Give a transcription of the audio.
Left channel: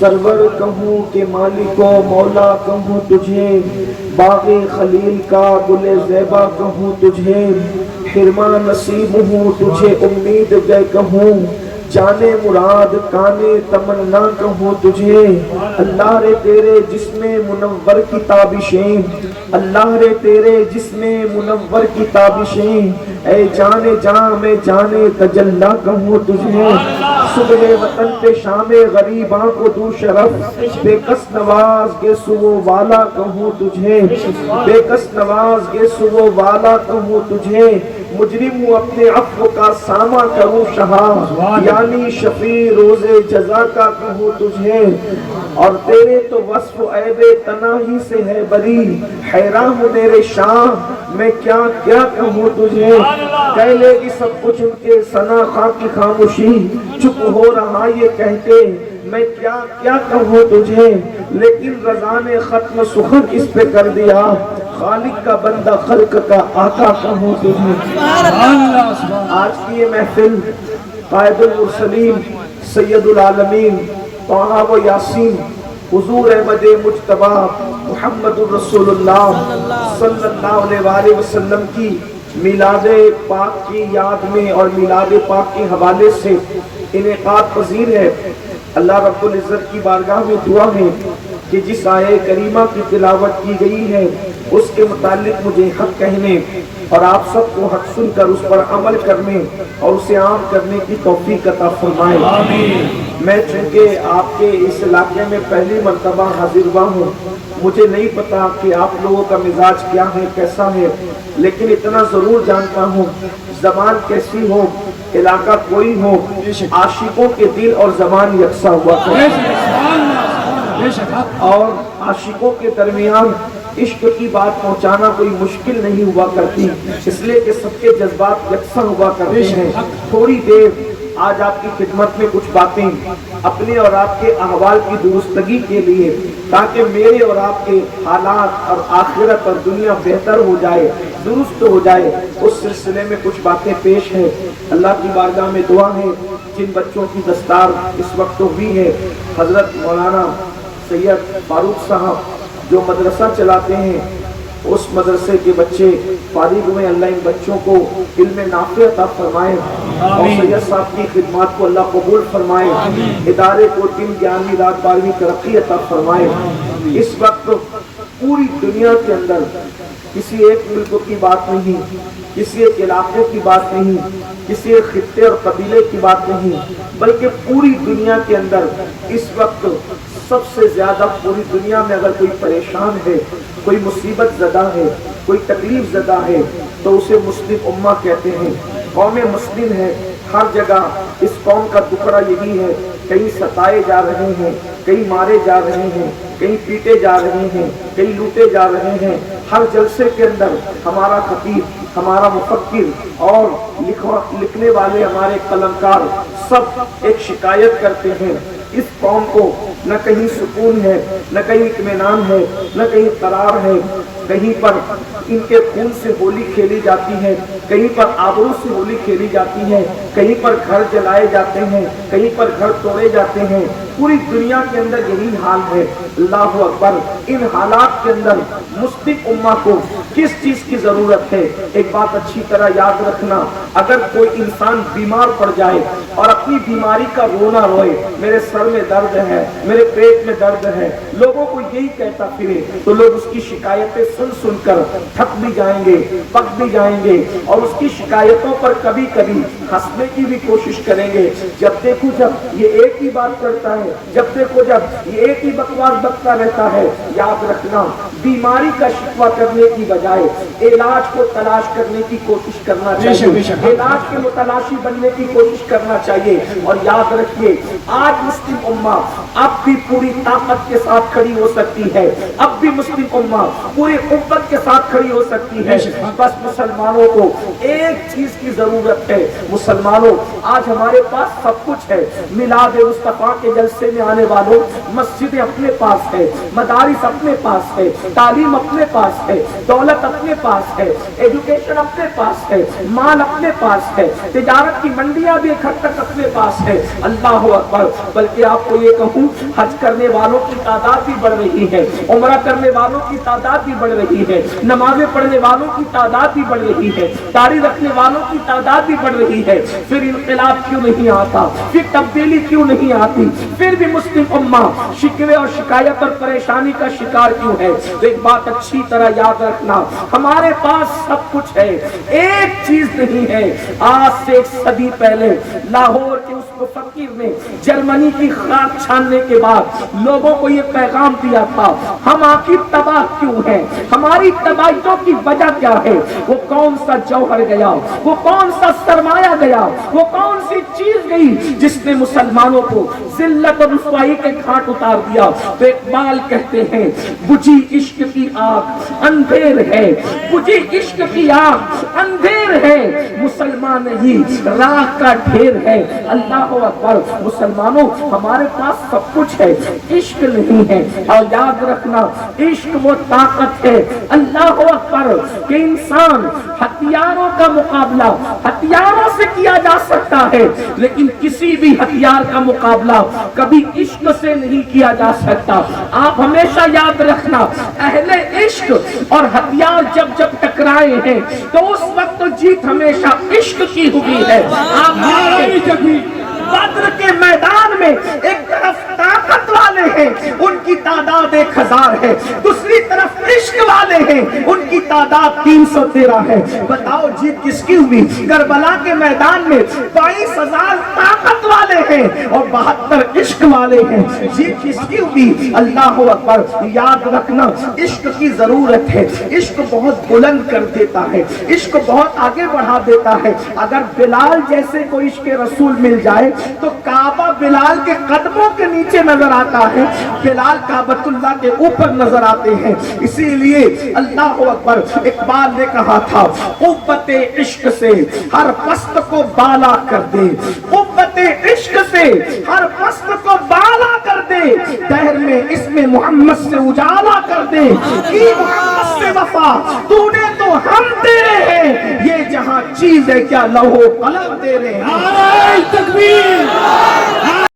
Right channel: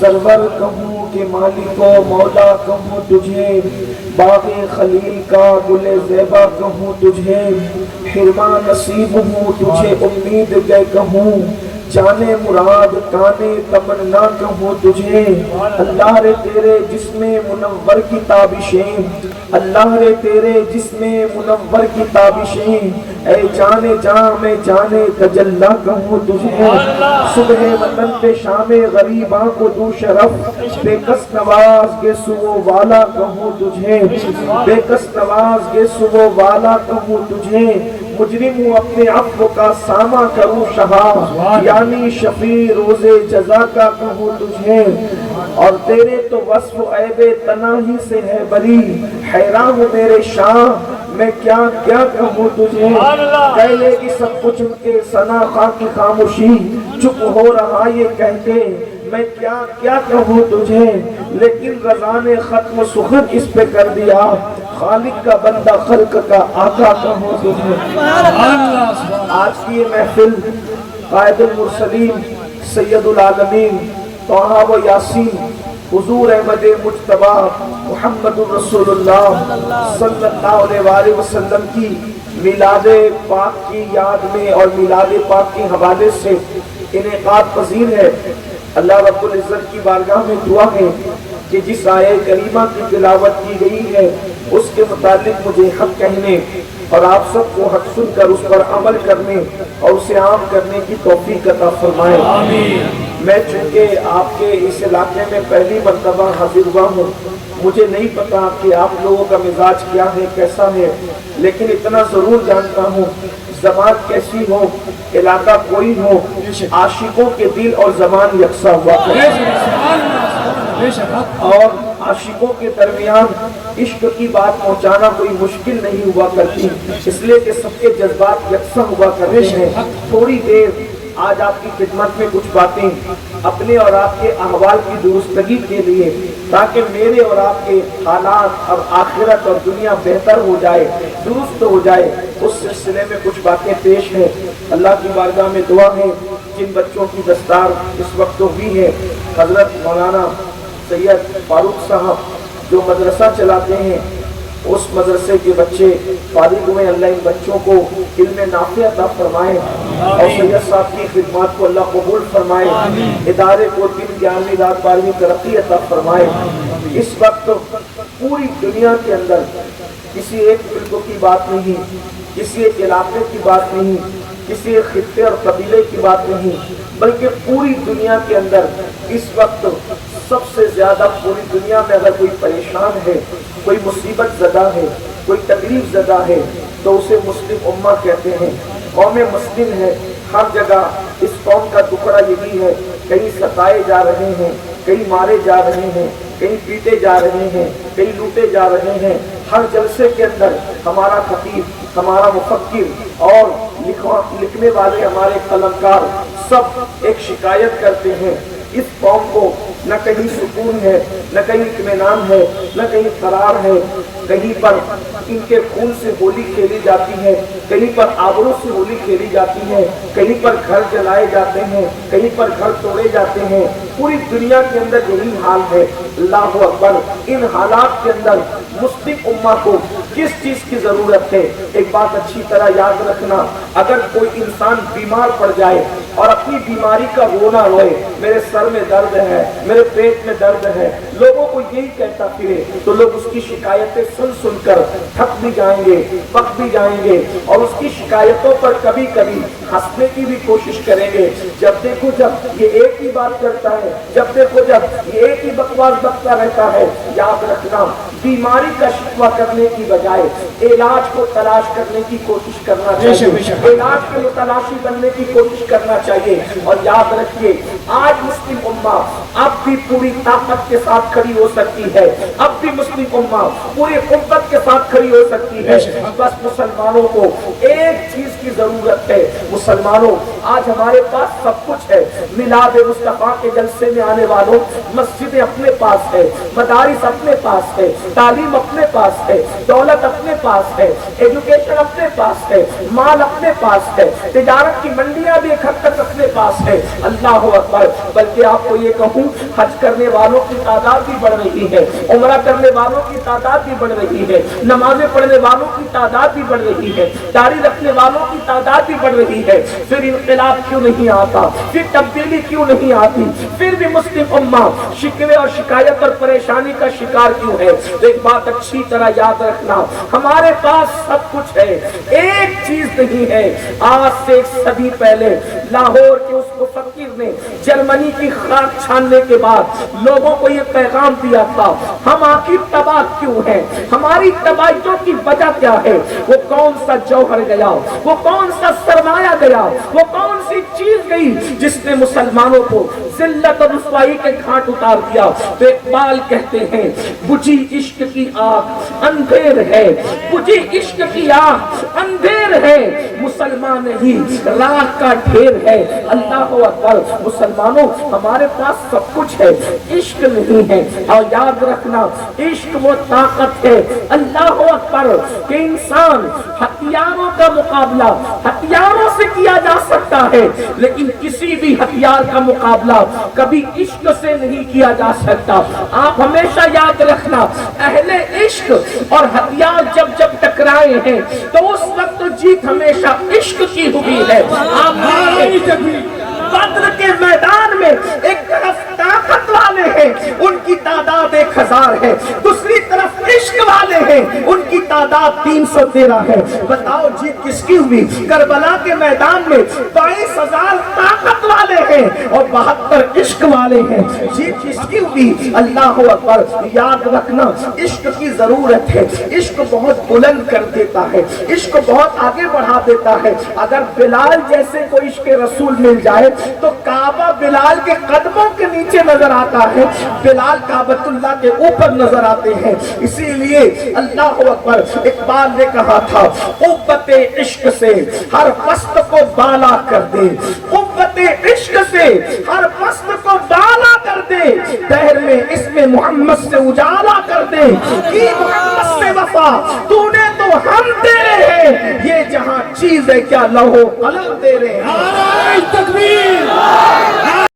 سرور کہوں کہ مالک و مولا کہوں تجھے، باغ خلیل کا گل زیبا کہوں تجھے، حرما نصیب ہوں تجھے امید گئے کہوں، جانے مراد کانے تمنا کہوں تجھے۔ اللہ رے تیرے جسم منور کی تابشیں، اللہ رے تیرے جسم منور کی تابشیں، اے جانے جاں میں جانے تجلا کہوں تجھے۔ صبح وطن پہ شام غریباں کو دوں شرف، بے کس نواز کے صبح والا کہوں تجھے، بے کس نواز کے صبح والا کہوں تجھے۔ مجرم ہوں اپنے عفو کا سامہ کروں شہا، یعنی شفیع روز جزا کا کہوں تجھے۔ اور تیرے تو وصف عیب تناہی سے ہے بری، حیران ہوں میرے شاہ میں کیا کیا کہوں تجھے۔ کہہ لے گی سب کچھ ان کے ثنا خاں کی خاموشی، چپ ہو رہا یہ کہتے میں کیا کیا کہوں تجھے۔ لیکن رضا نے ختم سخن اس پہ کر دیا، خالق کا بندہ خلق کا آقا کہوں تجھے۔ آج کی یہ محفل قائد المرسلین سید العالمین طٰہٰ و یاسین حضور احمد مجتبیٰ محمد الرسول اللہ صلی اللہ علیہ وآلہ وسلم کی میلاد پاک کی یاد میں اور میلاد پاک کے حوالے سے انعقاد پذیر ہے۔ اللہ رب العزت کی بارگاہ میں دعا ہے کہ جس آیہ کریمہ کی تلاوت کی گئی ہے اس کے متعلق مجھے حق کہنے اور آپ سب کو حق سن کر اس پر عمل کرنے اور اسے عام کرنے کی توفیق عطا فرمائے۔ میں چونکہ آپ کے اس علاقے میں پہلی مرتبہ حاضر ہوا ہوں، مجھے نہیں پتا کہ آپ لوگوں کا مزاج کیا ہے کیسا ہے، لیکن اتنا ضرور جانتا ہوں زبان کیسی ہو علاقہ کوئی ہو، عاشقوں کے دل اور زبان یکساں ہوا کرے اور عاشقوں کے درمیان عشق کی بات پہنچانا کوئی مشکل نہیں ہوا کرتی، اس لیے کہ سب کے جذبات یکساں ہوا کرتے ہیں۔ تھوڑی دیر آج آپ کی خدمت میں کچھ باتیں اپنے اور آپ کے احوال کی درستگی کے لیے، تاکہ میرے اور آپ کے حالات اور آخرت اور دنیا بہتر ہو جائے، درست ہو جائے، اس سلسلے میں کچھ باتیں پیش ہیں۔ اللہ کی بارگاہ میں دعا ہے جن بچوں کی دستار اس وقت ہوئی ہے، حضرت مولانا سید فاروق صاحب جو مدرسہ چلاتے ہیں، اس مدرسے کے بچے فارغ ہوئے، اللہ ان بچوں کو علم نافع عطا فرمائے اور سید صاحب کی خدمات کو اللہ قبول فرمائے، ادارے کو دین گیارہویں رات 12ویں ترقی عطا فرمائے۔ اس وقت پوری دنیا کے اندر کسی ایک ملک کی بات نہیں، کسی ایک علاقے کی بات نہیں، کسی ایک خطے اور قبیلے کی بات نہیں، بلکہ پوری دنیا کے اندر اس وقت سب سے زیادہ پوری دنیا میں اگر کوئی پریشان ہے، کوئی مصیبت زدہ ہے، کوئی تکلیف زدہ ہے تو اسے مسلم امہ کہتے ہیں۔ قوم مسلم ہے، ہر جگہ اس قوم کا ٹکڑا یہی ہے، کہیں ستائے جا رہے ہیں، کہیں مارے جا رہے ہیں، کہیں پیٹے جا رہے ہیں، کہیں لوٹے جا رہے ہیں۔ ہر جلسے کے اندر ہمارا خطیب، ہمارا مفکر اور لکھنے والے ہمارے قلمکار سب ایک شکایت کرتے ہیں، اس قوم کو نہ کہیں سکون ہے، نہ کہیں اطمینان ہے، نہ کہیں قرار ہے، کہیں پر ان کے خون سے ہولی کھیلی جاتی ہے، کہیں پر آبرو سے ہولی کھیلی جاتی ہے، کہیں پر گھر جلائے جاتے ہیں، کہیں پر گھر توڑے جاتے ہیں۔ پوری دنیا کے اندر یہی حال ہے۔ اللہ اکبر! ان حالات کے اندر مسلم امہ کو کس چیز کی ضرورت ہے؟ ایک بات اچھی طرح یاد رکھنا، اگر کوئی انسان بیمار پڑ جائے اور اپنی بیماری کا رونا روئے، میرے سر میں درد ہے، میرے پیٹ میں درد ہے، لوگوں کو یہی کہتا پھرے، تو لوگ اس کی شکایتیں سن سن کر تھک بھی جائیں گے، پک بھی جائیں گے، اور اس کی شکایتوں پر کبھی کبھی ہنسنے کی بھی کوشش کریں گے۔ جب دیکھو جب یہ ایک ہی بات کرتا ہے، جب دیکھو جب یہ ایک ہی بکواس بکتا رہتا ہے، یاد رکھنا بیماری کا شکوہ کرنے کی بجائے علاج کو تلاش کرنے کی کوشش کرنا چاہیے، علاج کے متلاشی بننے کی کوشش کرنا چاہیے۔ اور یاد رکھیے آج مسلم امہ اب بھی پوری طاقت کے ساتھ کھڑی ہو سکتی ہے، اب بھی مسلم امہ پوری قوت کے ساتھ کھڑی ہو سکتی ہے۔ بس مسلمانوں کو ایک چیز کی ضرورت ہے۔ مسلمانوں آج ہمارے پاس سب کچھ ہے، میلاد مصطفیٰ کے جلسے مدرسے میں آنے والوں، مسجدیں اپنے پاس ہے، مدارس اپنے پاس ہے، تعلیم اپنے پاس ہے، دولت اپنے پاس ہے، ایجوکیشن اپنے پاس ہے، مال اپنے پاس ہے، تجارت کی منڈیاں بھی ایک حد تک اپنے پاس ہے۔ اللہ اکبر۔ بلکہ آپ کو یہ کہوں، حج کرنے والوں کی تعداد بھی بڑھ رہی ہے، عمرہ کرنے والوں کی تعداد بھی بڑھ رہی ہے، نمازیں پڑھنے والوں کی تعداد بھی بڑھ رہی ہے، داڑھی رکھنے والوں کی تعداد بھی بڑھ رہی ہے۔ پھر انقلاب کیوں نہیں آتا؟ پھر تبدیلی کیوں نہیں آتی؟ پھر بھی مسلم امہ شکوے اور شکایت اور پریشانی کا شکار کیوں ہے؟ ایک بات اچھی طرح یاد رکھنا، ہمارے پاس سب کچھ ہے، ایک چیز نہیں ہے۔ آج سے ایک صدی پہلے لاہور کے اس مفکر نے جرمنی کی خاک چھاننے کے بعد لوگوں کو یہ پیغام دیا تھا، ہم آخر تباہ کیوں ہیں؟ ہماری تباہیوں کی وجہ کیا ہے؟ وہ کون سا جوہر گیا؟ وہ کون سا سرمایہ گیا؟ وہ کون سی چیز گئی جس نے مسلمانوں کو ذلت اور رسوائی کے گھاٹ اتار دیا؟ تو اقبال کہتے ہیں، بجھی عشق کی آگ اندھیر ہے، بجھی عشق کی آگ اندھیر ہے، مسلمان نہیں راہ کا ڈھیر ہے۔ اللہ اکبر۔ مسلمانوں، ہمارے پاس سب کچھ ہے، عشق نہیں ہے۔ اور یاد رکھنا، عشق وہ طاقت ہے، اللہ اکبر، کہ انسان ہتھیاروں کا مقابلہ ہتھیاروں سے کیا جا سکتا ہے، لیکن کسی بھی ہتھیار کا مقابلہ کبھی عشق سے نہیں کیا جا سکتا۔ آپ ہمیشہ یاد رکھنا، اہل عشق اور ہتھیار جب جب ٹکرائے ہیں تو اس وقت تو جیت ہمیشہ عشق کی ہوئی ہے۔ آپ بدر کے میدان میں ایک طرف طاقت والے ہیں، ان کی تعداد 1000 ہے، دوسری طرف عشق والے ہیں، ان کی تعداد 313 ہے۔ بتاؤ جیت کس کی ہوئی؟ کربلا کے میدان میں 22,000 طاقت والے ہیں اور 72 عشق والے ہیں، جیت کس کی ہوئی؟ اللہ اکبر۔ یاد رکھنا، عشق کی ضرورت ہے، عشق بہت بلند کر دیتا ہے، عشق بہت آگے بڑھا دیتا ہے۔ اگر بلال جیسے کوئی عشق رسول مل جائے تو کعبہ بلال کے قدموں کے نیچے نظر آتا ہے، بلال کعبۃ اللہ کے اوپر نظر آتے ہیں۔ اسی لیے اللہ اکبر، اقبال نے کہا تھا، قوت عشق سے ہر پست کو بالا کر دے، قوت عشق سے ہر پست کو بالا کر دے، دہر میں اس میں محمد سے اجالا کر دے، کی محمد سے وفا تو نے تو ہم تیرے ہیں، یہ جہاں چیز ہے کیا لوح قلم تیرے ہیں۔ نعرہ تکبیر!